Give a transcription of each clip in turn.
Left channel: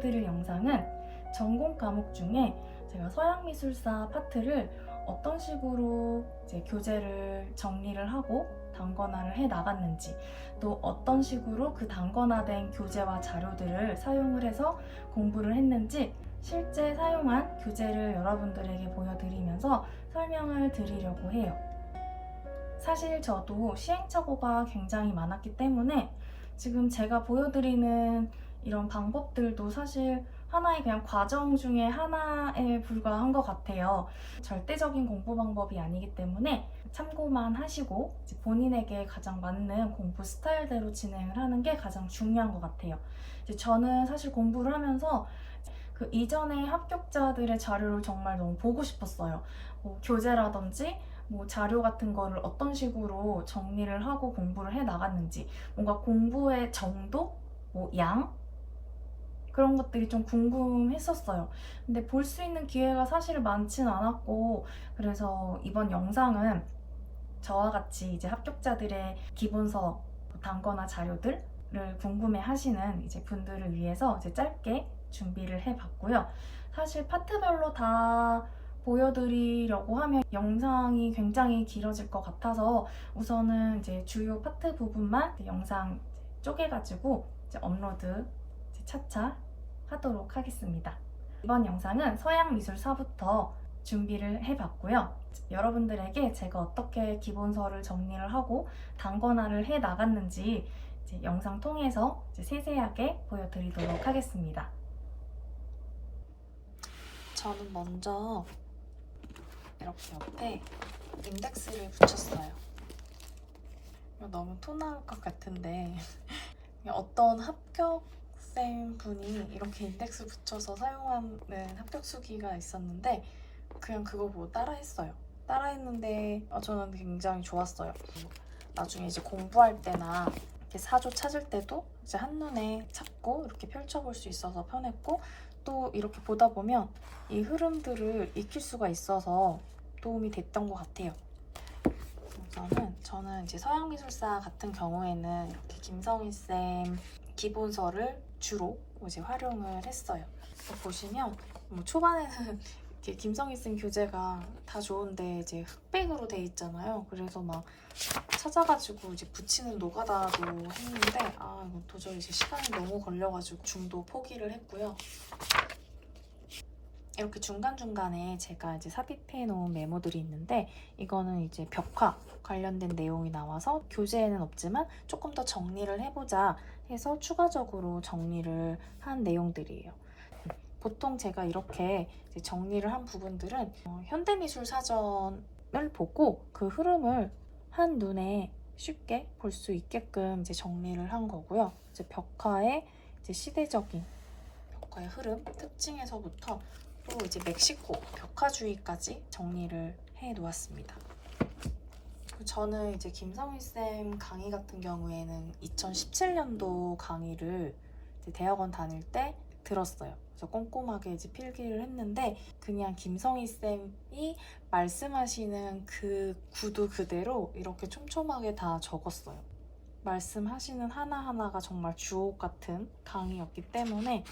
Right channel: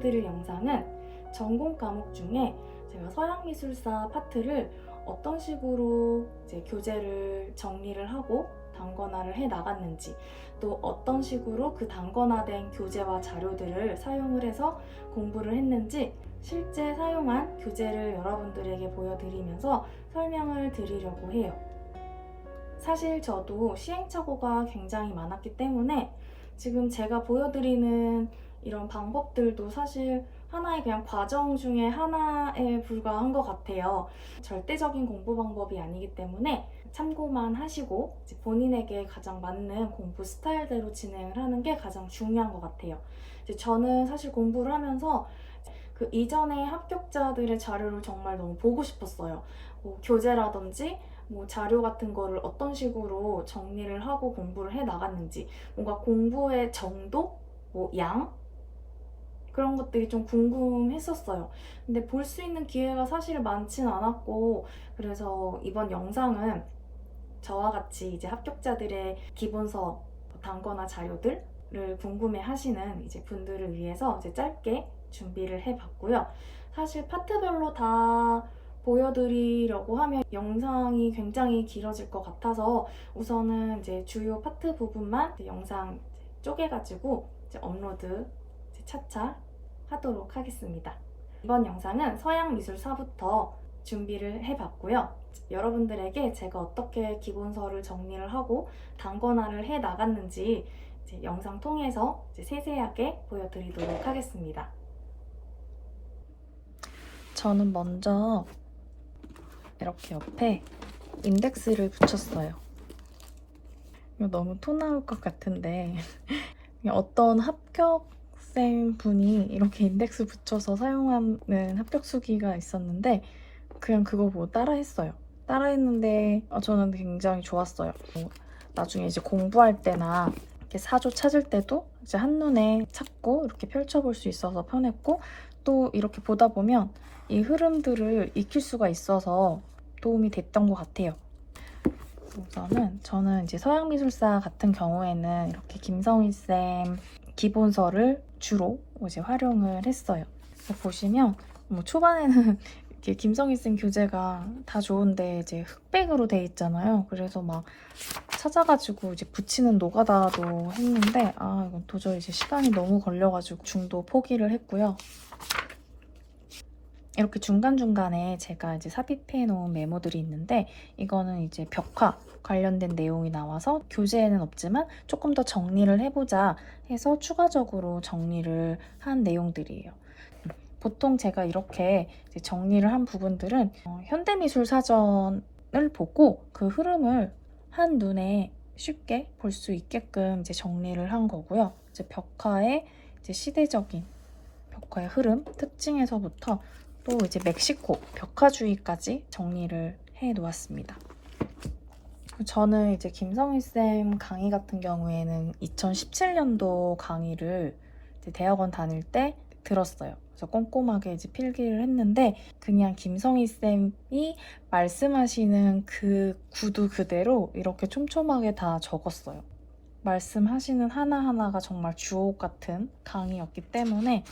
보여드릴 영상은 전공 과목 중에 제가 서양미술사 파트를 어떤 식으로 이제 교재를 정리를 하고 단권화를 해 나갔는지, 또 어떤 식으로 그 단권화된 교재와 자료들을 사용을 해서 공부를 했는지 실제 사용한 교재를 여러분들에게 보여드리면서 설명을 드리려고 해요. 사실 저도 시행착오가 굉장히 많았기 때문에 지금 제가 보여드리는 이런 방법들도 사실 하나의 그냥 과정 중에 하나에 불과한 것 같아요. 절대적인 공부 방법이 아니기 때문에 참고만 하시고 본인에게 가장 맞는 공부 스타일대로 진행을 하는 게 가장 중요한 것 같아요. 저는 사실 공부를 하면서 그 이전의 합격자들의 자료를 정말 너무 보고 싶었어요. 교재라든지 자료 같은 거를 어떤 식으로 정리를 하고 공부를 해 나갔는지, 뭔가 공부의 정도, 양, 그런 것들이 좀 궁금했었어요. 근데 볼 수 있는 기회가 사실 많진 않았고, 그래서 이번 영상은 저와 같이 이제 합격자들의 기본서, 단권화 자료들을 궁금해 하시는 이제 분들을 위해서 이제 짧게 준비를 해봤고요. 사실 파트별로 다 보여드리려고 하면 영상이 굉장히 길어질 것 같아서 우선은 이제 주요 파트 부분만 영상 쪼개가지고 이제 업로드 차차 하도록 하겠습니다. 이번 영상은 서양미술사부터 준비를 해봤고요. 여러분들에게 제가 어떻게 기본서를 정리를 하고 단권화를 해 나갔는지 이제 영상 통해서 이제 세세하게 보여드리도록 하겠습니다. 저는 먼저 이렇게 옆에 인덱스를 붙였어요. 이거 너무 토 나올 것 같은데 어떤 합격생 분이 이렇게 인덱스 붙여서 사용하는 합격 수기가 있었는데 그냥 그거 보고 따라했어요. 따라했는데 저는 굉장히 좋았어요. 나중에 이제 공부할 때나 이렇게 사조 찾을 때도 이제 한눈에 찾고 이렇게 펼쳐볼 수 있어서 편했고, 또 이렇게 보다 보면 이 흐름들을 익힐 수가 있어서 도움이 됐던 것 같아요. 우선은 저는 이제 서양미술사 같은 경우에는 이렇게 김성희쌤 기본서를 주로 이제 활용을 했어요. 보시면 초반에는 이렇게 김성희쌤 교재가 다 좋은데 이제 흑백으로 돼 있잖아요. 그래서 막 찾아가지고 이제 붙이는 노가다도 했는데 이건 도저히 이제 시간이 너무 걸려가지고 중도 포기를 했고요. 이렇게 중간중간에 제가 이제 삽입해 놓은 메모들이 있는데 이거는 이제 벽화 관련된 내용이 나와서 교재에는 없지만 조금 더 정리를 해보자 해서 추가적으로 정리를 한 내용들이에요. 보통 제가 이렇게 이제 정리를 한 부분들은 현대미술사전을 보고 그 흐름을 한눈에 쉽게 볼 수 있게끔 이제 정리를 한 거고요. 이제 벽화의 이제 시대적인 벽화의 흐름, 특징에서부터 또 이제 멕시코 벽화주의까지 정리를 해 놓았습니다. 저는 이제 김성희쌤 강의 같은 경우에는 2017년도 강의를 이제 대학원 다닐 때 들었어요. 그래서 꼼꼼하게 이제 필기를 했는데 그냥 김성희쌤이 말씀하시는 그 구두 그대로 이렇게 촘촘하게 다 적었어요. 말씀하시는 하나하나가 정말 주옥 같은 강의였기 때문에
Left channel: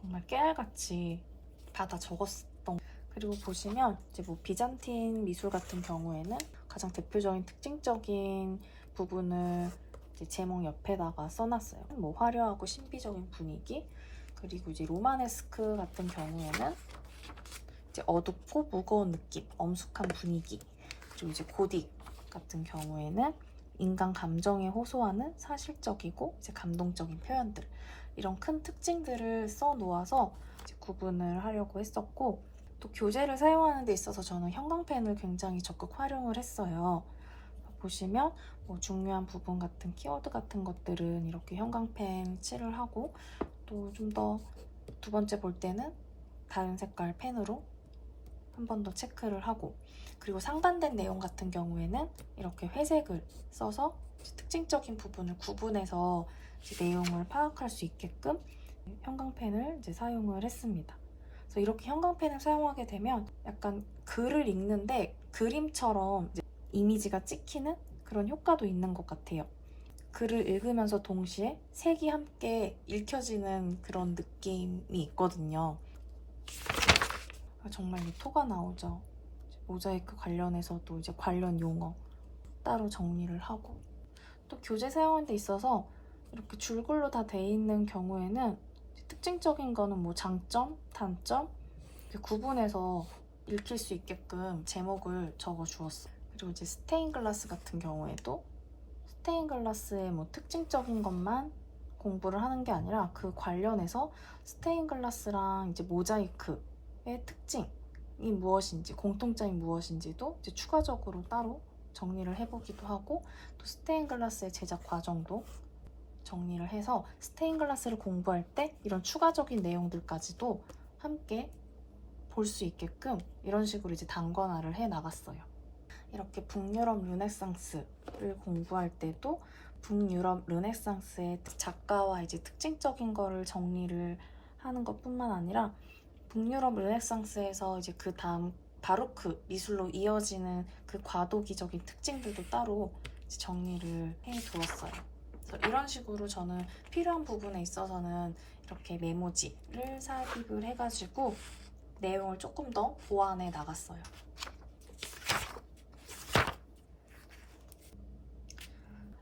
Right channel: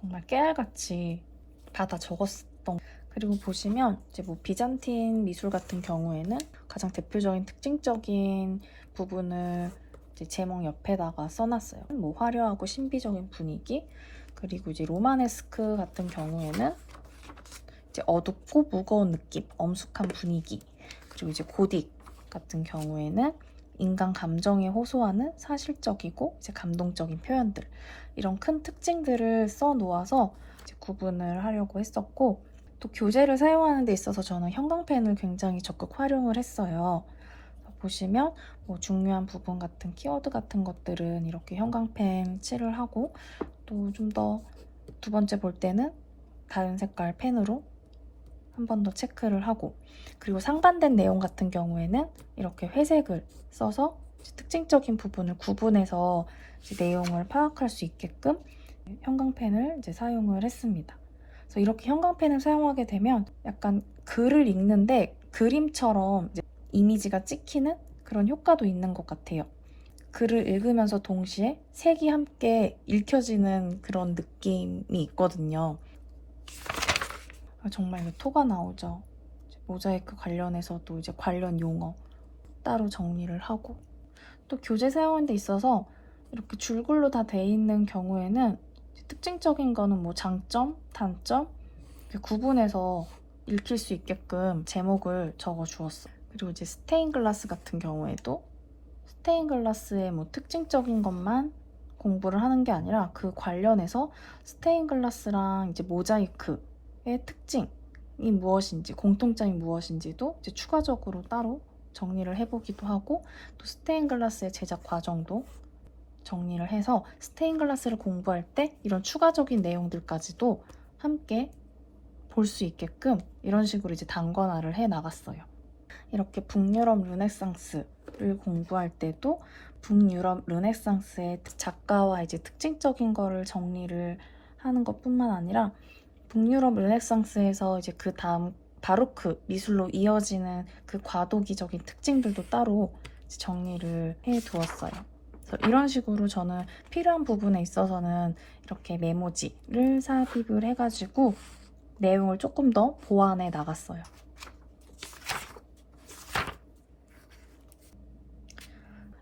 정말 깨알같이 다 적었었던. 그리고 보시면 이제 비잔틴 미술 같은 경우에는 가장 대표적인 특징적인 부분을 이제 제목 옆에다가 써놨어요. 화려하고 신비적인 분위기, 그리고 이제 로마네스크 같은 경우에는 이제 어둡고 무거운 느낌, 엄숙한 분위기, 그리고 이제 고딕 같은 경우에는 인간 감정에 호소하는 사실적이고 이제 감동적인 표현들, 이런 큰 특징들을 써놓아서 이제 구분을 하려고 했었고, 또 교재를 사용하는 데 있어서 저는 형광펜을 굉장히 적극 활용을 했어요. 보시면 중요한 부분 같은 키워드 같은 것들은 이렇게 형광펜 칠을 하고, 또 좀 더 두 번째 볼 때는 다른 색깔 펜으로 한 번 더 체크를 하고, 그리고 상반된 내용 같은 경우에는 이렇게 회색을 써서 특징적인 부분을 구분해서 내용을 파악할 수 있게끔 형광펜을 이제 사용을 했습니다. 그래서 이렇게 형광펜을 사용하게 되면 약간 글을 읽는데 그림처럼 이제 이미지가 찍히는 그런 효과도 있는 것 같아요. 글을 읽으면서 동시에 색이 함께 읽혀지는 그런 느낌이 있거든요. 정말 토가 나오죠. 모자이크 관련해서도 이제 관련 용어 따로 정리를 하고, 또 교재 사용하는 데 있어서 이렇게 줄글로 다 돼 있는 경우에는 특징적인 거는 뭐 장점, 단점 이렇게 구분해서 읽힐 수 있게끔 제목을 적어 주었어요. 그리고 이제 스테인 글라스 같은 경우에도 스테인 글라스의 뭐 특징적인 것만 공부를 하는 게 아니라 그 관련해서 스테인 글라스랑 이제 모자이크의 특징이 무엇인지, 공통점이 무엇인지도 이제 추가적으로 따로 정리를 해보기도 하고, 또 스테인 글라스의 제작 과정도 정리를 해서 스테인 글라스를 공부할 때 이런 추가적인 내용들까지도 함께 볼 수 있게끔 이런 식으로 이제 단권화를 해 나갔어요. 이렇게 북유럽 르네상스를 공부할 때도 북유럽 르네상스의 작가와 이제 특징적인 거를 정리를 하는 것뿐만 아니라 북유럽 르네상스에서 이제 그 다음 바로크 미술로 이어지는 그 과도기적인 특징들도 따로 정리를 해 두었어요. 이런 식으로 저는 필요한 부분에 있어서는 이렇게 메모지를 삽입을 해가지고 내용을 조금 더 보완해 나갔어요.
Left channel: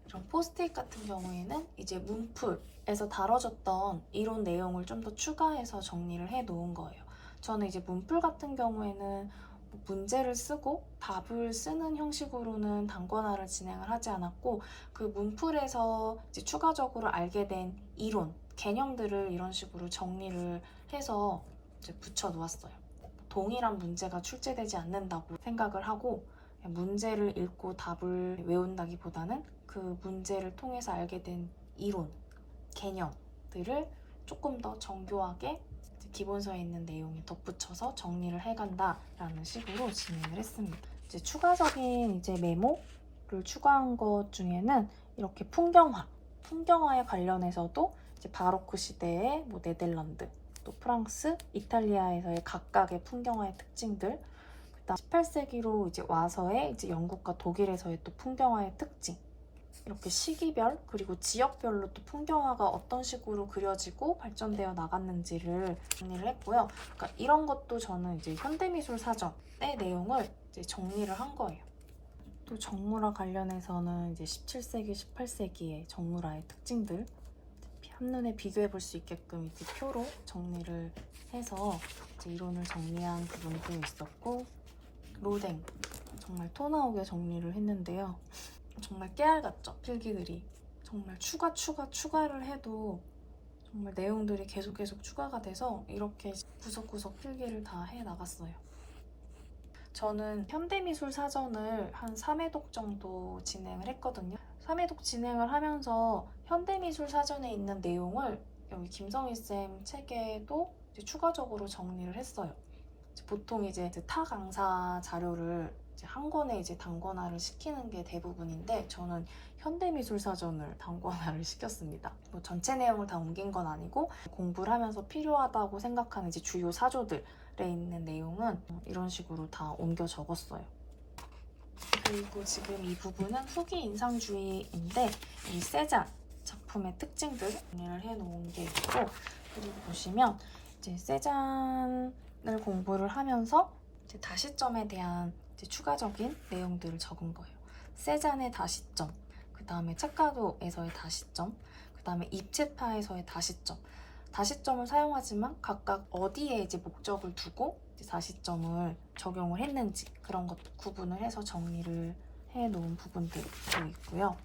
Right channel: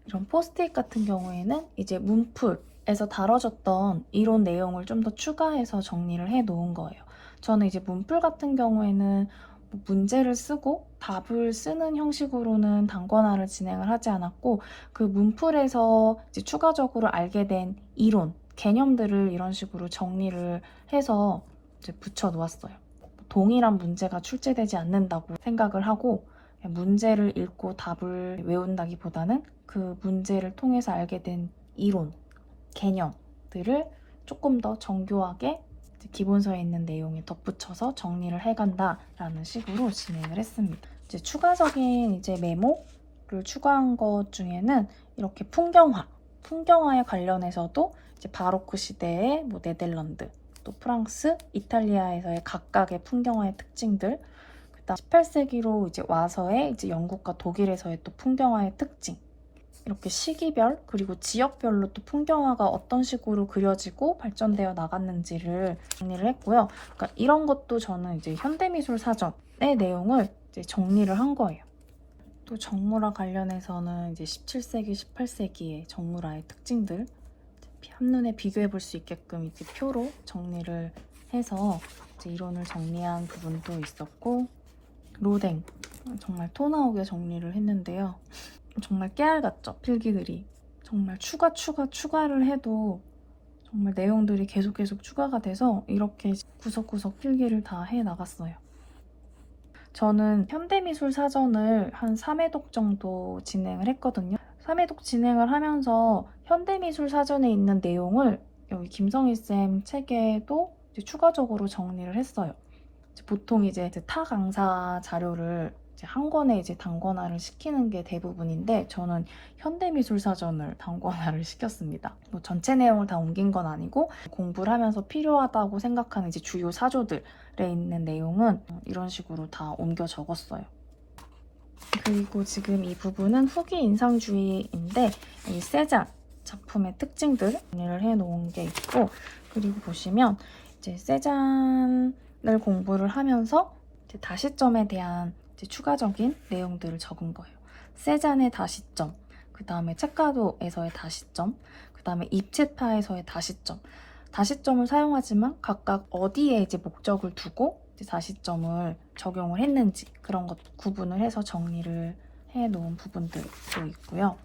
이런 포스트잇 같은 경우에는 이제 문풀에서 다뤄졌던 이론 내용을 좀 더 추가해서 정리를 해 놓은 거예요. 저는 이제 문풀 같은 경우에는 문제를 쓰고 답을 쓰는 형식으로는 단권화를 진행을 하지 않았고, 그 문풀에서 이제 추가적으로 알게 된 이론, 개념들을 이런 식으로 정리를 해서 이제 붙여 놓았어요. 동일한 문제가 출제되지 않는다고 생각을 하고, 문제를 읽고 답을 외운다기보다는 그 문제를 통해서 알게 된 이론, 개념들을 조금 더 정교하게 기본서에 있는 내용에 덧붙여서 정리를 해간다라는 식으로 진행을 했습니다. 이제 추가적인 이제 메모를 추가한 것 중에는 이렇게 풍경화에 관련해서도 이제 바로크 시대의 뭐 네덜란드, 또 프랑스, 이탈리아에서의 각각의 풍경화의 특징들, 그다음 18세기로 이제 와서의 이제 영국과 독일에서의 또 풍경화의 특징, 이렇게 시기별 그리고 지역별로 또 풍경화가 어떤 식으로 그려지고 발전되어 나갔는지를 정리를 했고요. 그러니까 이런 것도 저는 이제 현대미술 사전의 내용을 이제 정리를 한 거예요. 또 정물화 관련해서는 이제 17세기, 18세기의 정물화의 특징들 한눈에 비교해 볼 수 있게끔 이렇게 표로 정리를 해서 이제 이론을 정리한 부분도 있었고, 로댕 정말 토 나오게 정리를 했는데요. 정말 깨알 같죠? 필기들이 정말 추가를 해도 정말 내용들이 계속 추가가 돼서 이렇게 구석구석 필기를 다 해 나갔어요. 저는 현대미술 사전을 한 3회독 정도 진행을 했거든요. 3회독 진행을 하면서 현대미술 사전에 있는 내용을 여기 김성희쌤 책에도 이제 추가적으로 정리를 했어요. 보통 이제 타 강사 자료를 이제 한 권에 이제 단권화를 시키는 게 대부분인데, 저는 현대미술사전을 단권화를 시켰습니다. 뭐 전체 내용을 다 옮긴 건 아니고 공부를 하면서 필요하다고 생각하는 이제 주요 사조들에 있는 내용은 이런 식으로 다 옮겨 적었어요. 그리고 지금 이 부분은 후기 인상주의인데 이 세잔 작품의 특징들 정리를 해놓은 게 있고, 그리고 보시면 이제 세잔을 공부를 하면서 이제 다시점에 대한 이제 추가적인 내용들을 적은 거예요. 세잔의 다시점, 그 다음에 책가도에서의 다시점, 그 다음에 입체파에서의 다시점. 다시점을 사용하지만 각각 어디에 이제 목적을 두고 이제 다시점을 적용을 했는지 그런 것 구분을 해서 정리를 해 놓은 부분들도 있고요.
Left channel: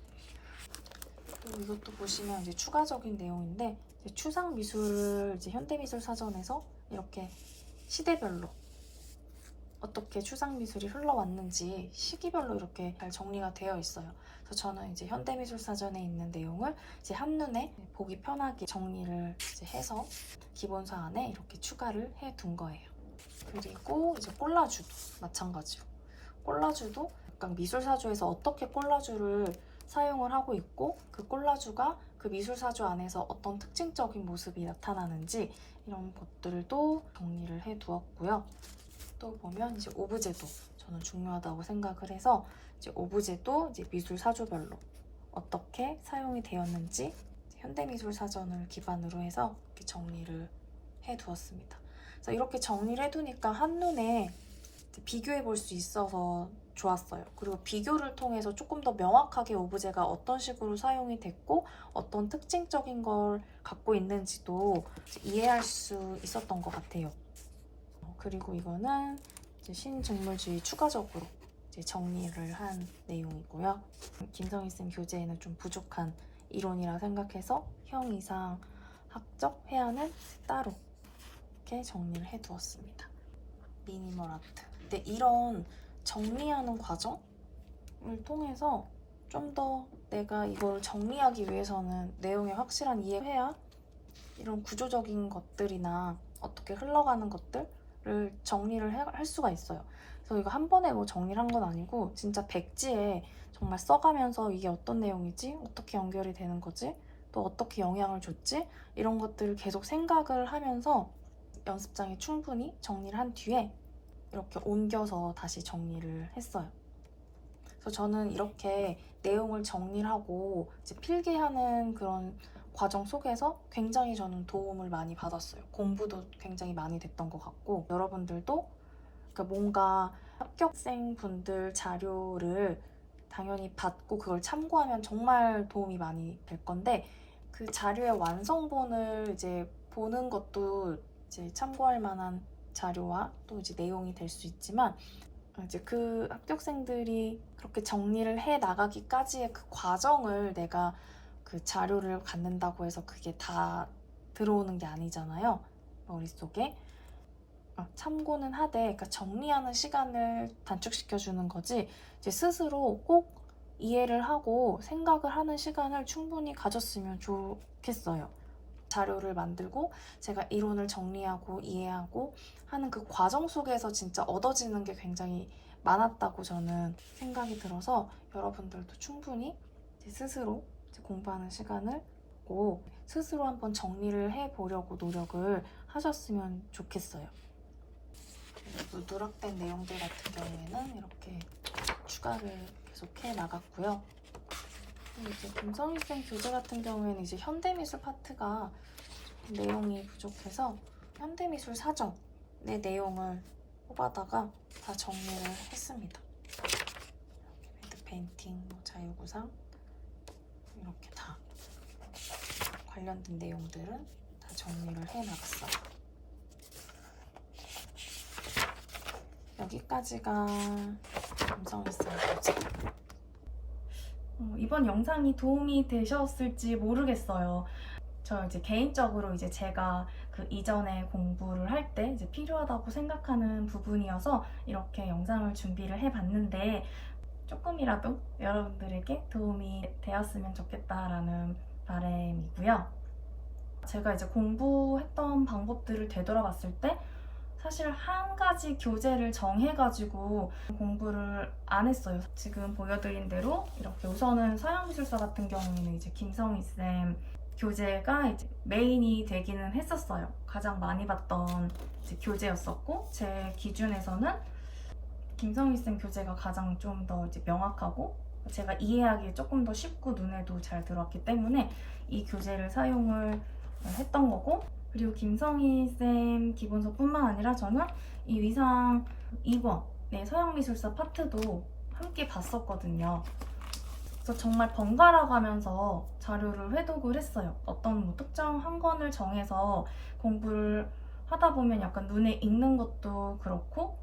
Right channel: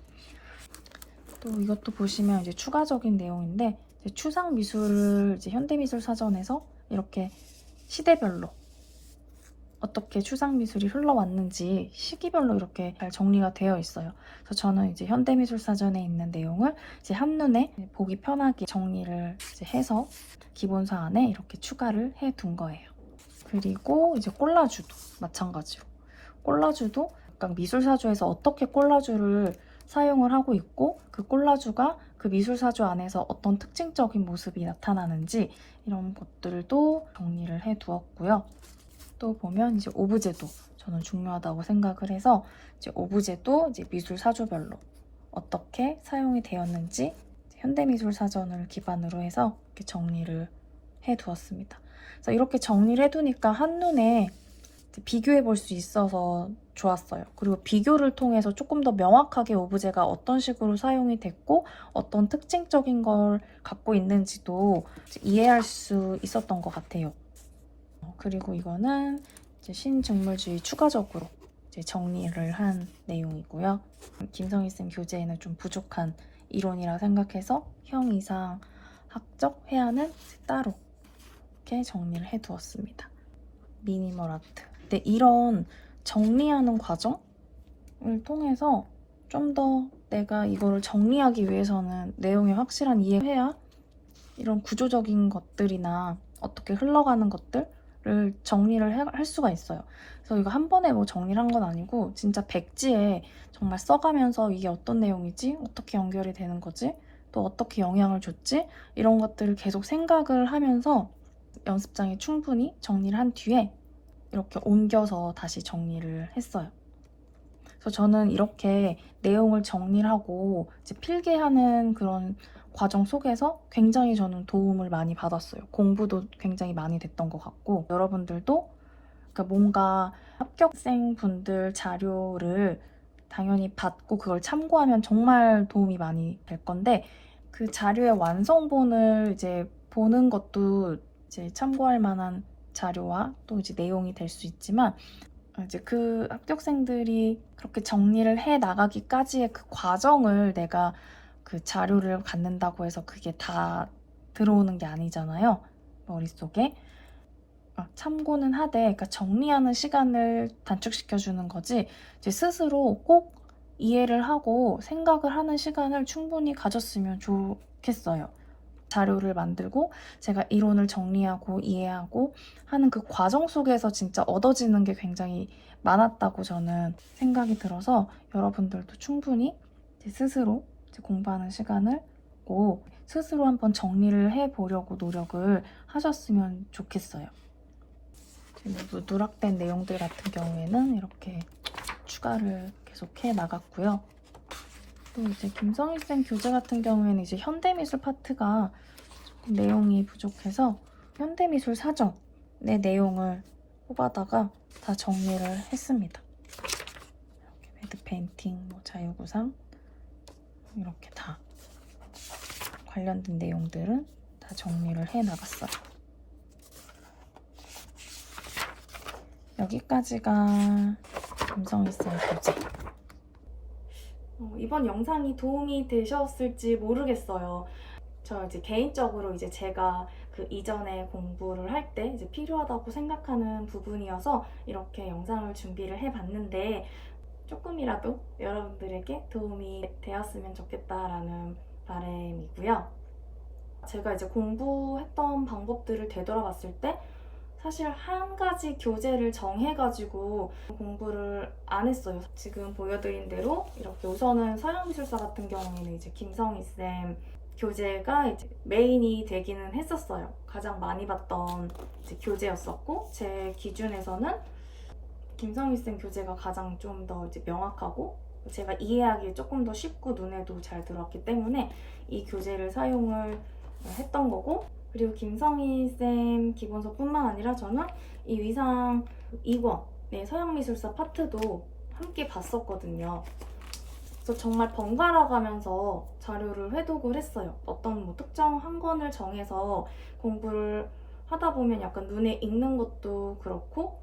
또 이것도 보시면 이제 추가적인 내용인데, 이제 추상 미술 이제 현대미술 사전에서 이렇게 시대별로 어떻게 추상 미술이 흘러왔는지 시기별로 이렇게 잘 정리가 되어 있어요. 그래서 저는 이제 현대미술 사전에 있는 내용을 이제 한눈에 보기 편하게 정리를 이제 해서 기본서 안에 이렇게 추가를 해 둔 거예요. 그리고 이제 콜라주도 마찬가지로, 콜라주도 각각 미술사조에서 어떻게 콜라주를 사용을 하고 있고, 그 콜라주가 그 미술사조 안에서 어떤 특징적인 모습이 나타나는지 이런 것들도 정리를 해 두었고요. 또 보면 이제 오브제도 저는 중요하다고 생각을 해서 이제 오브제도 이제 미술 사조별로 어떻게 사용이 되었는지 현대미술사전을 기반으로 해서 이렇게 정리를 해두었습니다. 그래서 이렇게 정리를 해두니까 한눈에 비교해 볼 수 있어서 좋았어요. 그리고 비교를 통해서 조금 더 명확하게 오브제가 어떤 식으로 사용이 됐고 어떤 특징적인 걸 갖고 있는지도 이해할 수 있었던 것 같아요. 그리고 이거는 이제 신직물주의 추가적으로 이제 정리를 한 내용이고요. 김성희 쌤 교재에는 좀 부족한 이론이라 생각해서 형이상 학적 회화는 따로 이렇게 정리를 해두었습니다. 미니멀 아트. 근데 이런 정리하는 과정을 통해서 좀 더 내가 이거를 정리하기 위해서는 내용이 확실한 이해해야 이런 구조적인 것들이나 어떻게 흘러가는 것들을 정리를 할 수가 있어요. 그래서 이거 한 번에 뭐 정리를 한 건 아니고 진짜 백지에 정말 써가면서 이게 어떤 내용이지? 어떻게 연결이 되는 거지? 또 어떻게 영향을 줬지? 이런 것들을 계속 생각을 하면서 연습장에 충분히 정리를 한 뒤에 이렇게 옮겨서 다시 정리를 했어요. 그래서 저는 이렇게 내용을 정리를 하고 이제 필기하는 그런 과정 속에서 굉장히 저는 도움을 많이 받았어요. 공부도 굉장히 많이 됐던 것 같고 여러분들도 그러니까 뭔가 합격생 분들 자료를 당연히 받고 그걸 참고하면 정말 도움이 많이 될 건데 그 자료의 완성본을 이제 보는 것도 이제 참고할 만한 자료와 또 이제 내용이 될 수 있지만 이제 그 합격생들이 그렇게 정리를 해 나가기까지의 그 과정을 내가 그 자료를 갖는다고 해서 그게 다 들어오는 게 아니잖아요. 머릿속에. 참고는 하되 그러니까 정리하는 시간을 단축시켜 주는 거지 이제 스스로 꼭 이해를 하고 생각을 하는 시간을 충분히 가졌으면 좋겠어요. 자료를 만들고 제가 이론을 정리하고 이해하고 하는 그 과정 속에서 진짜 얻어지는 게 굉장히 많았다고 저는 생각이 들어서 여러분들도 충분히 스스로 공부하는 시간을 꼭 스스로 한번 정리를 해보려고 노력을 하셨으면 좋겠어요. 그리고 누락된 내용들 같은 경우에는 이렇게 추가를 계속해 나갔고요. 또 이제 김성희 쌤 교재 같은 경우에는 이제 현대미술 파트가 내용이 부족해서 현대미술 사전의 내용을 뽑아다가 다 정리를 했습니다. 이렇게 배드 페인팅, 자유구상 이렇게 다 관련된 내용들은 다 정리를 해 나갔어요. 여기까지가 김성희 쌤 교재. 이번 영상이 도움이 되셨을지 모르겠어요. 저 이제 개인적으로 이제 제가 그 이전에 공부를 할 때 이제 필요하다고 생각하는 부분이어서 이렇게 영상을 준비를 해봤는데 조금이라도 여러분들에게 도움이 되었으면 좋겠다라는 바람이고요. 제가 이제 공부했던 방법들을 되돌아봤을 때 사실 한 가지 교재를 정해가지고 공부를 안 했어요. 지금 보여드린 대로 이렇게 우선은 서양미술사 같은 경우에는 이제 김성희 쌤 교재가 이제 메인이 되기는 했었어요. 가장 많이 봤던 이제 교재였었고 제 기준에서는 김성희 쌤 교재가 가장 좀 더 이제 명확하고 제가 이해하기에 조금 더 쉽고 눈에도 잘 들어왔기 때문에 이 교재를 사용을 했던 거고 그리고 김성희 쌤 기본서뿐만 아니라 저는 이 위상 2권 서양미술사 파트도 함께 봤었거든요. 그래서 정말 번갈아 가면서 자료를 회독을 했어요. 어떤 뭐 특정 한 권을 정해서 공부를 하다 보면 약간 눈에 익는 것도 그렇고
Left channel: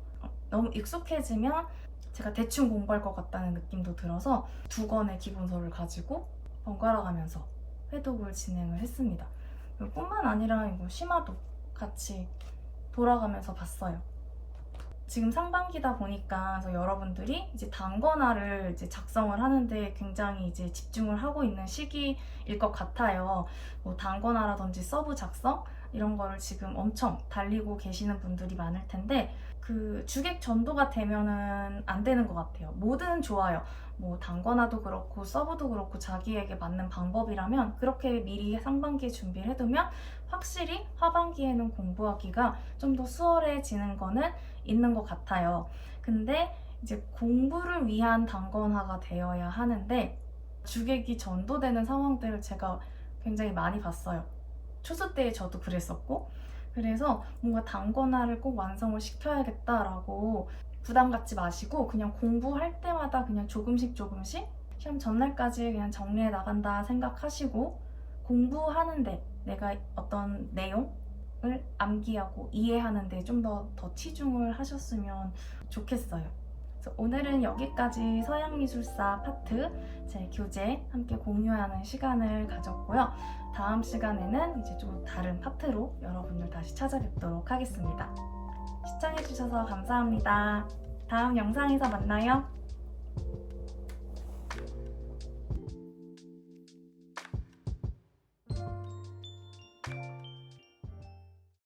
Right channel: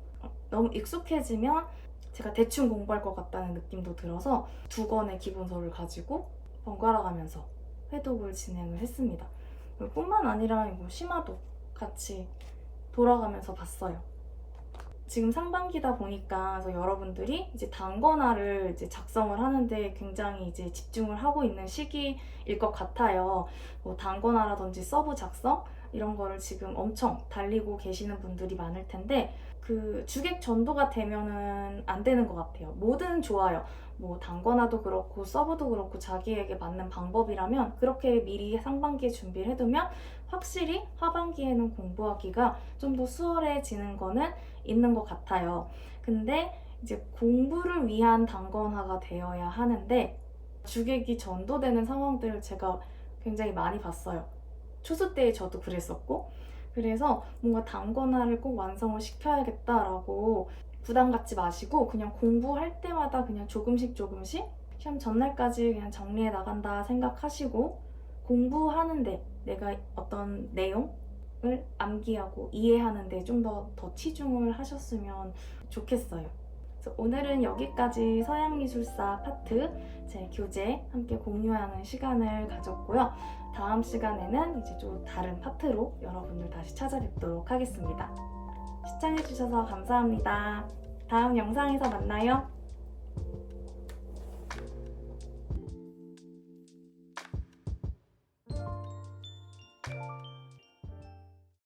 너무 익숙해지면 제가 대충 공부할 것 같다는 느낌도 들어서 2권의 기본서를 가지고 번갈아 가면서 회독을 진행을 했습니다. 뿐만 아니라 이거 심화도 같이 돌아가면서 봤어요. 지금 상반기다 보니까 그래서 여러분들이 이제 단권화를 이제 작성을 하는데 굉장히 이제 집중을 하고 있는 시기일 것 같아요. 뭐 단권화라든지 서브 작성 이런 거를 지금 엄청 달리고 계시는 분들이 많을 텐데 그 주객 전도가 되면은 안 되는 것 같아요. 뭐든 좋아요. 뭐 단권화도 그렇고 서브도 그렇고 자기에게 맞는 방법이라면 그렇게 미리 상반기에 준비를 해두면 확실히 하반기에는 공부하기가 좀 더 수월해지는 거는 있는 것 같아요. 근데 이제 공부를 위한 단권화가 되어야 하는데 주객이 전도되는 상황들을 제가 굉장히 많이 봤어요. 초수 때 저도 그랬었고, 그래서 뭔가 단권화를 꼭 완성을 시켜야겠다라고 부담 갖지 마시고 그냥 공부할 때마다 그냥 조금씩 시험 전날까지 그냥 정리해 나간다 생각하시고, 공부하는데 내가 어떤 내용을 암기하고 이해하는데 좀 더 치중을 하셨으면 좋겠어요. 그래서 오늘은 여기까지 서양미술사 파트 제 교재 함께 공유하는 시간을 가졌고요. 다음 시간에는 이제 좀 다른 파트로 여러분들 다시 찾아뵙도록 하겠습니다. 시청해주셔서 감사합니다. 다음 영상에서 만나요.